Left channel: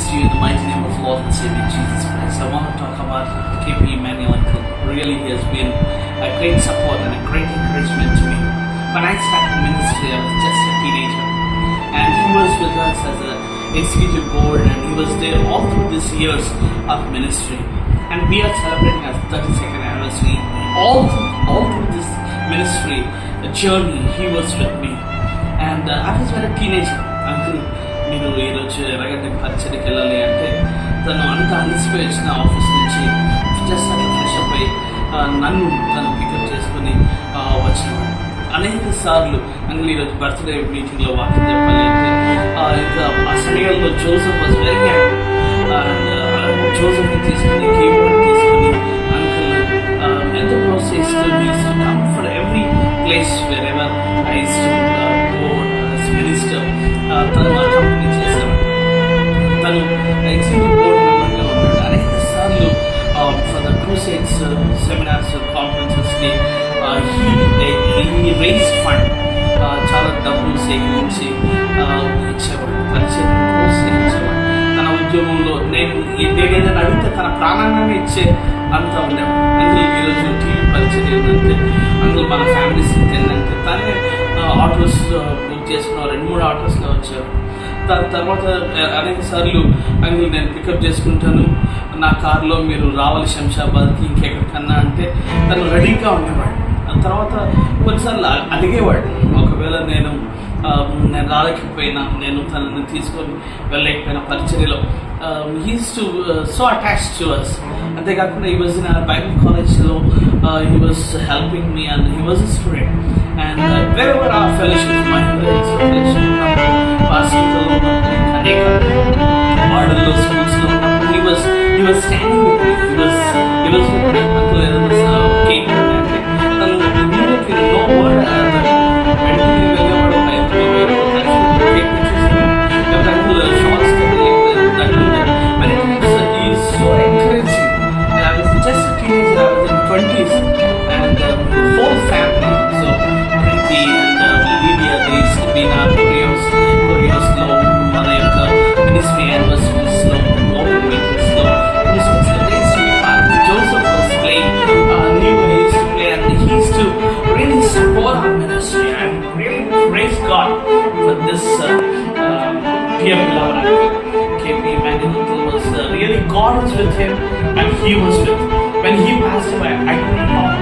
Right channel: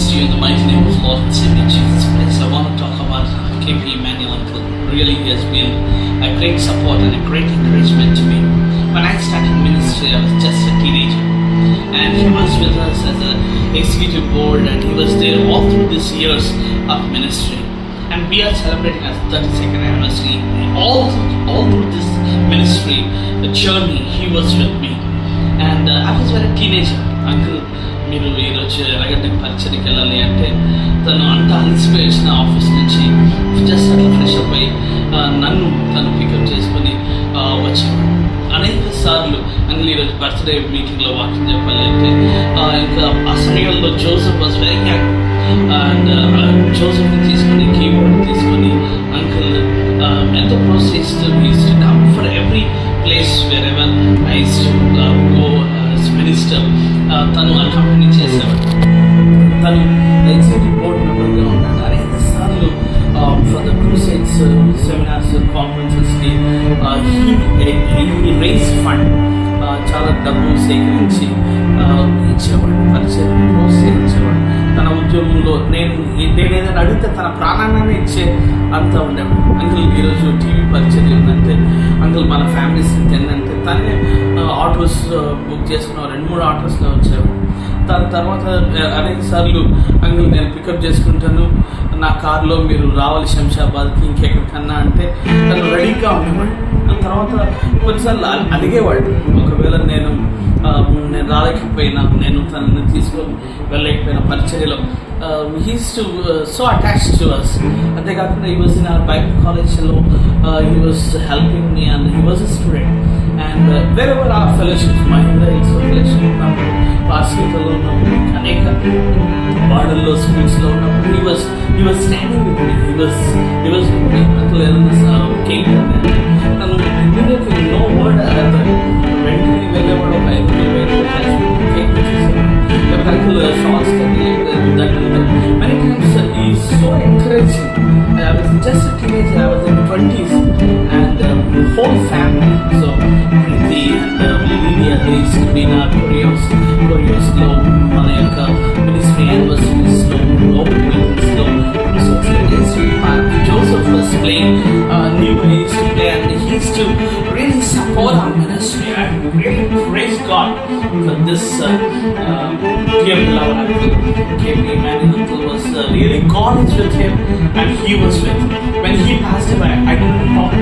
Greetings to you in the mighty name of Lord and Savior Jesus Christ. I want to talk about KP Emmanuel Uncle. Really, he has been a great support and a great encouragement to me. When I started ministry, I was just a teenager, and he was with us as a executive board, and he was there all through these years of ministry. And we are celebrating our 32nd anniversary. All through this ministry journey, he was with me. And I was very teenager. Uncle, మీరు ఈరోజు ఎలాగంటే పరిచయకి వెళ్ళాలి అంటే తను అంతా అలసిపోయి వచ్చిన ఆఫీస్ నుంచి జస్ట్ అట్లా ఫ్రెష్ అప్ అయ్యి నన్ను తను పికప్ చేసుకొని వచ్చేవాడు. అనేక సార్లు అంకుల్ ఈరోజు బర్త్డే మీటింగ్లో వాకింగ్ చెప్పాలి అంటే ఇంకా ఆ సమయంలో Joseph was very young, and జోసెఫ్ని తీసుకొని కీబోర్డ్ తీసుకొని అంకుల్ ఎంతో ప్రోత్సహిస్తూ use to come for every place wherever I use to go minister. తను ఆ కంపెనీ చేసేవాడు. తను ఎగ్జిక్యూటివ్ బోర్డ్ మెంబర్గా ఉన్నాడు. అనేక సార్లు ఫర్ ద క్రూసేడ్స్ సెమినార్స్ కాన్ఫరెన్సెస్కి రైజ్ ఫండ్ చాలా డబ్బు సేకరించి ఇచ్చేవాడు, పరిచయం ప్రోత్సహించేవాడు. తన ఉద్యోగంలో నేను ఏదైనా అడిగితే తన ప్రాణాన్ని ఇచ్చే అంతా ఉండేవాడు. అంకుల్ ఈరోజు టీవీ పరిచయం ఏంటంటే అంకుల్ మన ఫ్యామిలీ స్థితి ఏంటంటే తనే ఆటోస్ బుక్ చేసుకున్న 2-3 ఆటోస్లో వచ్చేవాడు. దాని తర్వాత అనేక సార్లు అంకుల్ నేను పికప్ చేసుకుంటాను, నా కార్లో మీరు రావాలి శంషాబాద్కి ఇంకెక్కడికన్నా అంటే తను రెడీగా ఉండేవాడు. తర్వాత కొన్నిసార్లు అడిగేవాడు, ఒకవేళ నేను రాలేకపోయినా నేను తనని తీసుకొని వెళ్ళలేకపోయినా పరిచర్యలో he's too so attached to us. అంతేకాకుండా he was in our bible కాలేజ్లో he was helping me and he was a student. And wherever ఆ ఫెలోషిప్ మహేంద్ర ఫెలోషిప్ ఉన్నప్పుడు పాస్కీలో ఉన్నప్పుడు అనేక వార్డల్లో స్కూల్స్లో ఉన్నప్పుడు he was standing with me, he was with me. Uncle ఏదైనా కేక్ అంటే తను ఇమ్మీడియట్లీ నో వర్డ్ వెంటనే వెళ్ళేవాడు. కేక్ వచ్చేసాడు uncle shorts many times he is so encouraging. I was just a teenager, I was in 20s, and the whole family, so Preeti and Lydia, they used to be in our choreos lo mana yokka ministry anniversaries lo open meetings lo so they used to be part. Joseph was playing new ways to play, and he used to really support our ministry. I really praise God for this dear beloved uncle KP Emmanuel. Really God is with him, and he was with him. When he passed away, I could not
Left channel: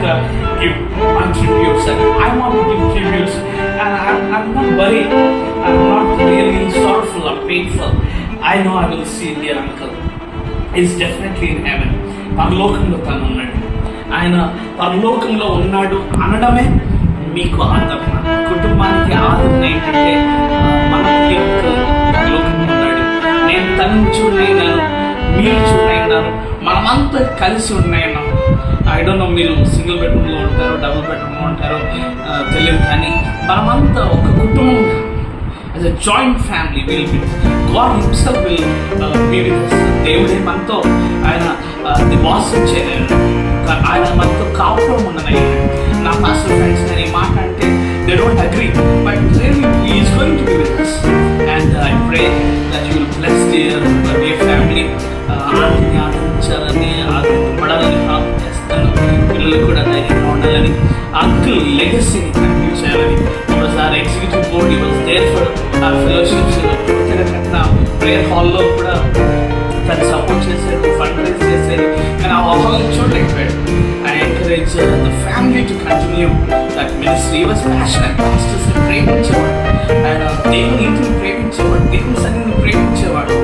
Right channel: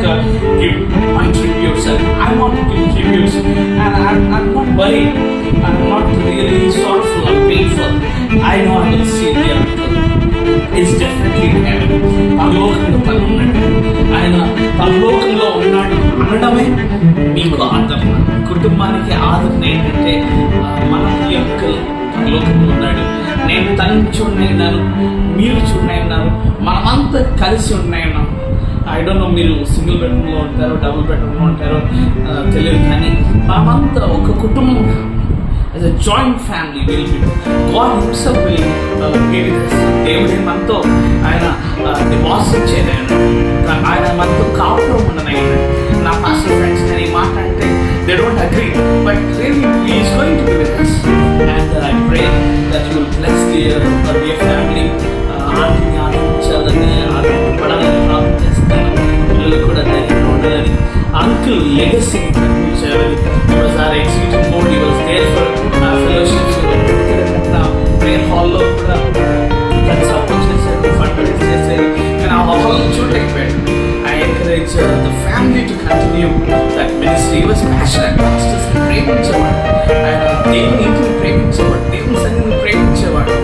give my tributes, and I want to give tributes, and I'm not worried, I'm not really sorrowful or painful. I know I will see the uncle is definitely in heaven. పరలోకంలో తను ఉన్నాడు. ఆయన పరలోకంలో ఉన్నాడు అనడమే మీకు ఆదరణ, కుటుంబానికి ఆదరణ ఏంటంటే మన అంకుల్ పరలోకంలో ఉన్నాడు, నేను తనని చూడనైనాను, మీరు చూడనైనాను, మనమంతా కలిసి ఉన్నాయన్నాం. ఐ డోంట్ నో మీరు సింగిల్ బెడ్రూమ్లో ఉంటారో డబుల్ బెడ్రూమ్లో ఉంటారో తెలియదు, కానీ మనమంతా ఒక కుటుంబం. As a joint family will be, God himself will be with us. దేవుడే మనతో ఆయన నివాసం చేయలేను, ఆయన మనతో కాపురం ఉన్నదయ్యా. నా పాస్టర్ ఫ్రెండ్స్ నేను ఈ మాట అంటే they don't agree, but really he is going to be with us, and I pray that you will bless their family. ఆనందించాలని ఆనందపడాలని ప్రార్థన చేస్తాను. పిల్లలు కూడా ధైర్యంగా ఉండాలని, అంకుల్ లెగసీని కంటిన్యూ చేయాలని. Was our executive board, he was there for our fellowships. Prayer హాల్లో కూడా తను సపోర్ట్ చేశారు, ఫండ్ రైజ్ చేశారు, కానీ ఆ హాల్లో చూడలేకపోయాడు. I encourage the family to continue that ministry. He was passionate. Pastors ప్రేమించేవాడు, ఆయన దేవుని ఇంటిని ప్రేమించేవాడు, దేవుని సన్నిధిని ప్రేమించేవాడు.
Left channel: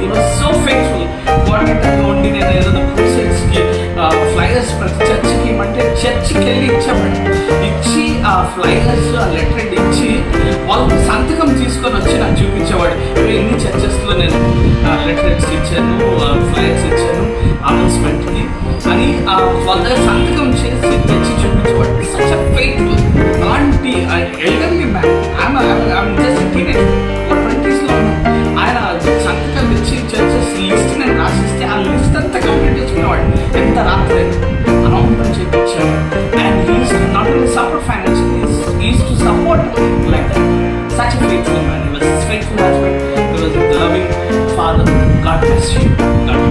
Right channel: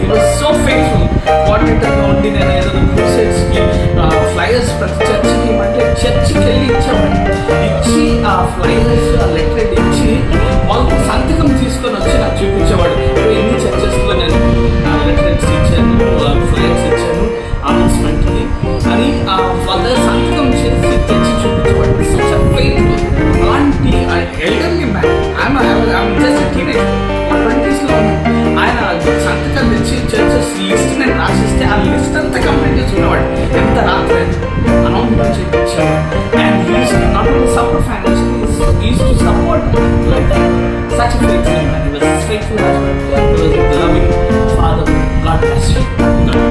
He was so faithful. కోఆర్డినేటర్గా ఉండి నేను ఏదైనా క్రూసేడ్స్కి ఫ్లైయర్స్ ప్రతి చర్చికి అంటే చర్చికి వెళ్ళి ఇచ్చేవాడు. ఇచ్చి ఆ ఫ్లైయర్స్ ఆ లెటర్ ఇచ్చి వాళ్ళకి సంతకం తీసుకొని వచ్చి నాకు చూపించేవాడు. ఎన్ని చర్చెస్లో నేను లెటర్స్ ఇచ్చాను, ఫ్లైయర్స్ ఇచ్చాను అనౌన్స్మెంట్కి అని వాళ్ళ సంతకం చేసి తెచ్చి చూపించేవాడు. Such a faithful. అలాంటి ఎల్డర్లీ మ్యాన్, జస్ట్ టీనేజర్, 20sలో ఆయన సంతకం తెచ్చి చర్చెస్ లిస్ట్ నేను రాసిస్తే ఆ లిస్ట్ అంతా కంప్లీట్ చేసుకునేవాడు. ఎంత రాత్రి అనౌన్స్మెంట్ చేయించాడు. And he's not only support financially, he used to support like that. Such a faithful man. He was faithful husband. He was a loving father. God bless you. God bless you.